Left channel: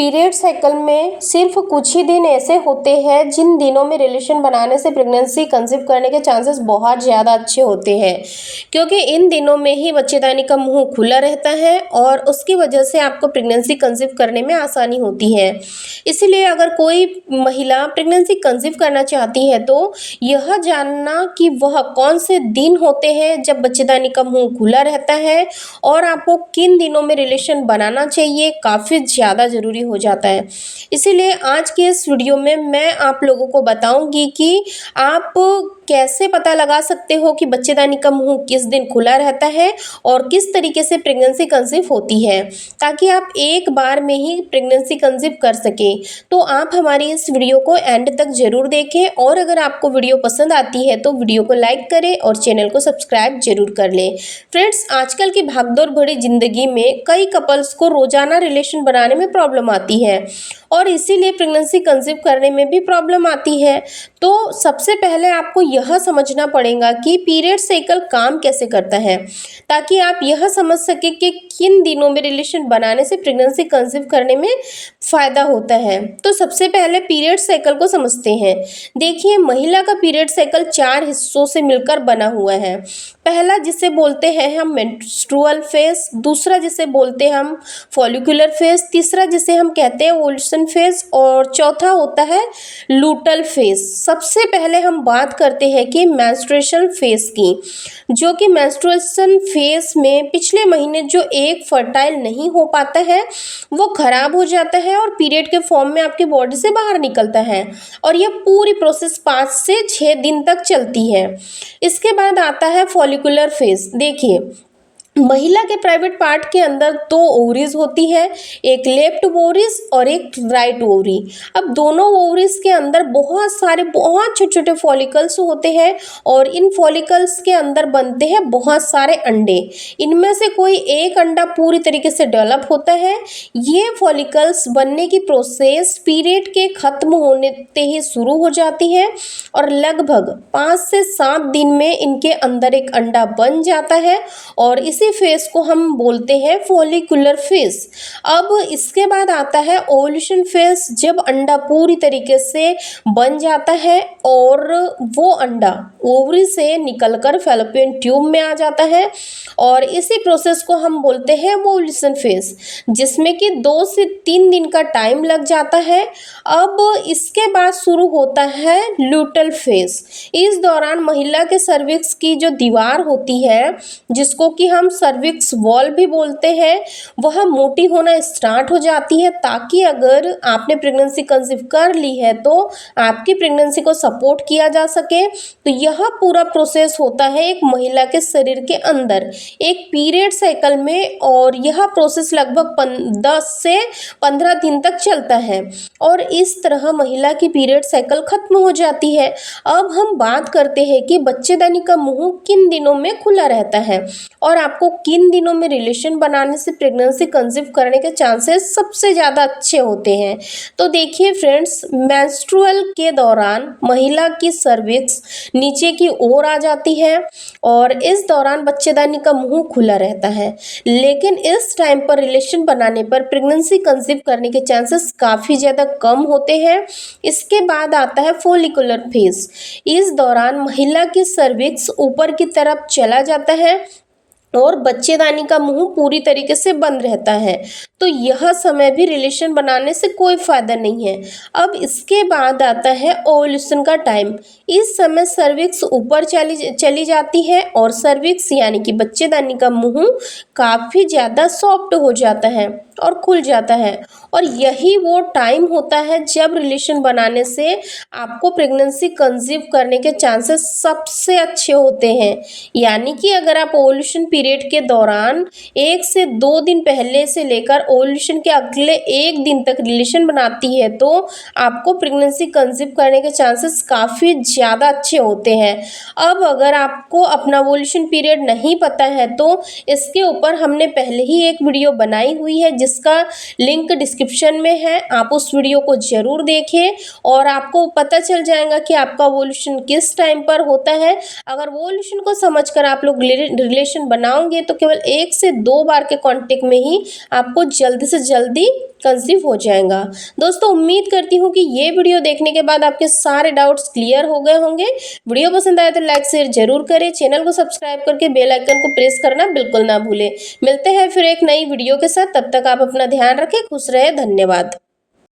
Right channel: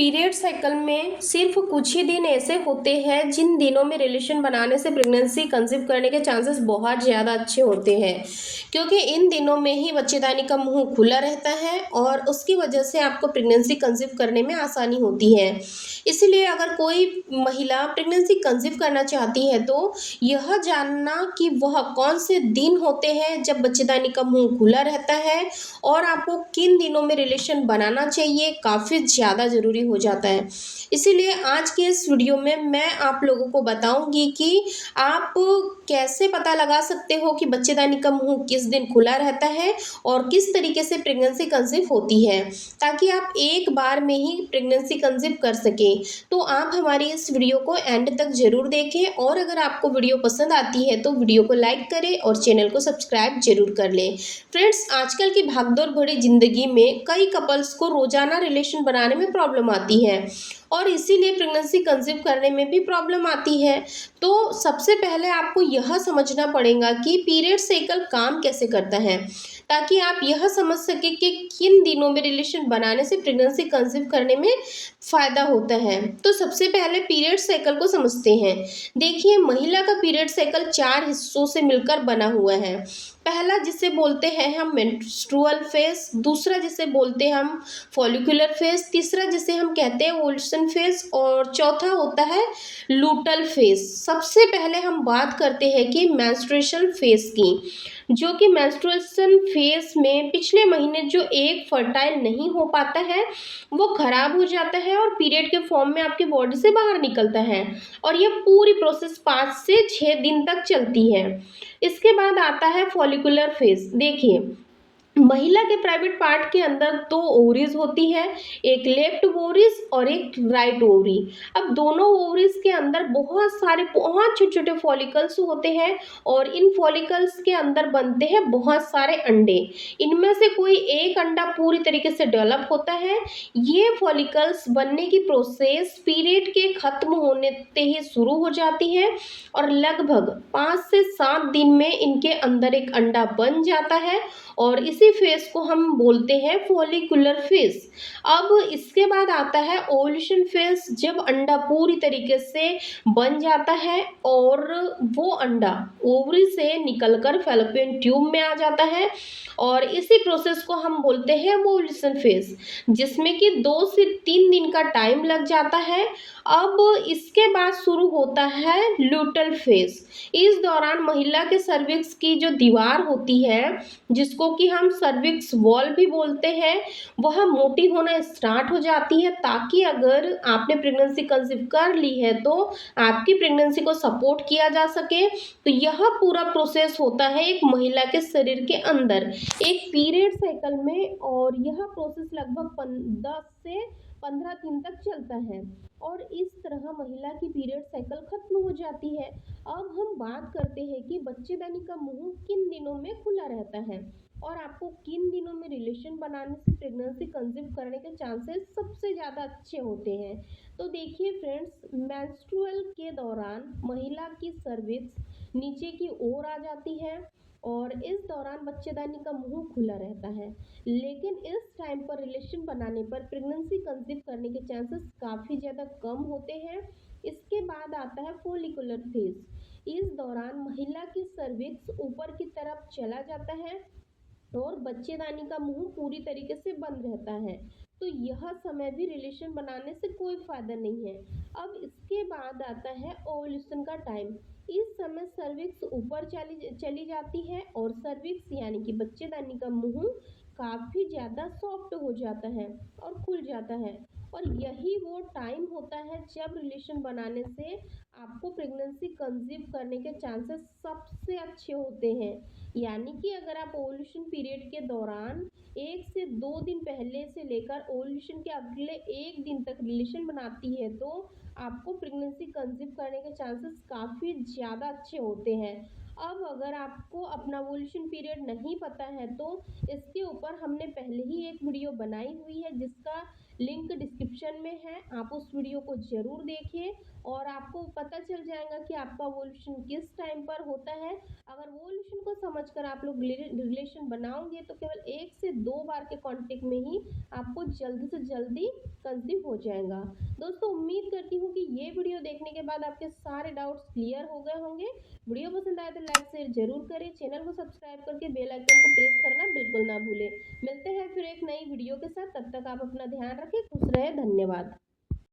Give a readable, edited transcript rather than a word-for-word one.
Period cycle में सिर्फ कुछ ही दिन ऐसे होते हैं जिन दिनों में रिलेशन बनाने से प्रेगनेंसी कंसीव करने के चांसेस बहुत ज़्यादा अच्छे होते हैं, क्योंकि इन दिनों में ही बच्चेदानी का मुंह खुला रहता है और उसकी वजह से आपको प्रेगनेंसी कंसीव करने में आसानी होती है। इसलिए अगर कोई महिला प्रेगनेंसी कंसीव करना चाहती है तो यह जानना कि वह कौन से दिन होते हैं जब बच्चेदानी का मुंह खुला रहता है और आपको किन दिनों में रिलेशन बनाना चाहिए काफ़ी ज़्यादा ज़रूरी हो जाता है। इसीलिए आज के इस वीडियो में मैं आप लोगों को बताऊंगी कि आप कैसे पता लगा सकते हो कि बच्चेदानी का मुंह किस दिन खुला रहता है और किस तरीके से प्रेगनेंसी कंसीव होती है, ताकि आप एक बार में ही प्रेगनेंसी कंसीव कर सकें। तो आप हमारी इस वीडियो को एंड तक ज़रूर देखें और अगर आपको वीडियो पसंद आती है तो वीडियो को लाइक करें और चैनल को सब्सक्राइब जरूर कर लें। फ्रेंड्स, आजकल की भागदौड़ भरी जिंदगी में कई कपल्स को रोजाना रिलेशन बनाने में प्रॉब्लम आती है और इसीलिए प्रेगनेंसी कंसीव करने में भी प्रॉब्लम आती है। तो सबसे पहले आपको यह समझना पड़ेगा कि पीरियड साइकिल काम कैसे करता है, ताकि आप यह समझ सके कि किन दिनों में रिलेशन बनाने से प्रेगनेंसी कंसीव करने में फ़ायदा होता है। तो सबसे पहले पीरियड साइकिल को समझते हैं। देखिए, महिला का पीरियड साइकिल 4 हिस्सों से मिलकर बना हुआ है। पहला जिसे बोलते हैं हम मेंस्ट्रुअल फेज, दूसरा जिसे बोलते हैं हम फॉलिकुलर फेज, तीसरा जिसे हम कहते हैं ओवुलेशन फेज और चौथा होता है लूटल फेज। सबसे पहले हम बात करते हैं कि मेंस्ट्रुएशन फेज की, जो कि मेंस्ट्रुएशन फेज में पिछले महीने जो एक फर्टाइल नहीं हो पाता है वो खराब हो जाता है और पीरियड के फॉर्म में आपकी बॉडी से बाहर निकलता है और यह पूरी प्रोसेस 5 से 6 दिन तक चलती है। इसके बाद आता है फॉलिकुलर फेज। देखिए, महिला के प्राइवेट पार्ट के अंदर 2 ओवरीज होती है, एक लेफ्ट ओवरीज और एक राइट ओवरी। अब दोनों ओवरीज के अंदर बहुत छोटे छोटे फॉलिकल्स होते हैं और इन फॉलिकल्स के अंदर बनते हैं बहुत सारे अंडे। इनमें से कोई एक अंडा पूरी तरीके से डेवलप होता है। ये फॉलिकल्स बनने की प्रोसेस पीरियड के खत्म होने ते ही शुरू हो जाती है और लगभग 5 से 7 दिन में इनके अंदर एक अंडा बन जाता है और इसी फेज को हम बोलते हैं फॉलिकुलर फेज। अब इसके बाद आता है ओवुलेशन फेज, जब अंडा पूरी तरीके से बन जाता है और वो अंडा ओवरी से निकलकर फैलोपियन ट्यूब में आ जाता है और इसी प्रोसेस को हम बोलते हैं ओवुलेशन फेज, जिसमें कि 2 से 3 दिन का टाइम लग जाता है। अब इसके बाद शुरू होता है लूटल फेज। इस दौरान महिला के सर्विक्स की जो दीवार होती है, जिसको कि हम सर्विक्स वॉल भी बोलते हैं, वह मोटी होना स्टार्ट हो जाती है, ताकि अगर आपने प्रेगनेंसी कंसीव कर ली है तो आपकी प्रेगनेंसी को सपोर्ट किया जा सके। तो यह पूरा प्रोसेस होता है एक महिला के शरीर के अंदर एक पीरियड साइकिल में और यह प्रोसेस लगभग 10 से 15 दिन तक चलता है और इस तरह महिला की पीरियड साइकिल खत्म हो जाती है। अब हम बात करते हैं कि बच्चेदानी का मुंह किन दिनों में खुला रहता है और आपको किन दिनों में रिलेशन बनाने से प्रेगनेंसी कंसीव करने के चांसेस सबसे ज़्यादा अच्छे होते हैं। तो देखिए फ्रेंड्स, मेंस्ट्रुअल के दौरान महिला की सर्विक्स नीचे की ओर आ जाती है और इस दौरान बच्चेदानी का मुंह खुला रहता है, लेकिन इस टाइम पर रिलेशन बनाने पर प्रेगनेंसी कंसीव करने के चांसेस काफ़ी ज़्यादा कम होते हैं। इसके बाद आता है फॉलिकुलर फेज। इस दौरान महिला की सर्विक्स ऊपर की तरफ चला जाता है और बच्चेदानी का मुंह पूरी तरीके से बंद रहता है। तो यह समय भी रिलेशन बनाने से कोई फ़ायदा नहीं है। अब इसके बाद आता है ओवुलेशन का टाइम। इस समय सर्विक्स ऊपर चली जाती है और सर्विक्स यानी कि बच्चेदानी का मुंह काफ़ी ज़्यादा सॉफ्ट हो जाता है और खुल जाता है और यही वो टाइम होता है जब रिलेशन बनाने से आपको प्रेगनेंसी कंसीव करने के चांसेस सबसे अच्छे होते हैं। यानी कि अगर आप ओवुलेशन पीरियड के दौरान 1 से 2 दिन पहले से लेकर ओवुलेशन के अगले 1 दिन तक रिलेशन बनाती है तो आपको प्रेगनेंसी कंसीव करने के चांसेस काफ़ी ज़्यादा अच्छे होते हैं। अब अगर आपको अपना ओवुलेशन पीरियड नहीं पता है तो इसके ऊपर हमने पहले ही एक वीडियो बनाई हुई है, जिसका लिंक डिस्क्रिप्शन में है। आप उस वीडियो को ज़रूर देखें और आपको पता चल जाएगा कि आपका ओवुलेशन किस टाइम पर होता है। अगर ओवुलेशन को समझकर आप लोग रिलेशन बना बनाओगे तो केवल 1 से 2 बार के कांटेक्ट में ही आपको जल्दी से जल्दी कंसीव हो जाएगा। दोस्तों उम्मीद करती हूँ कि ये वीडियो देखने के बाद आपके सारे डाउट्स क्लियर हो गए होंगे। वीडियो पसंद आए तो लाइक शेयर जरूर करें, चैनल को सब्सक्राइब करके बेल आइकन को प्रेस करना बिल्कुल ना भूलें। मिलते हैं फिर एक नई वीडियो के साथ, तब तक आप अपना ध्यान रखें, खुश रहे, धन्यवाद।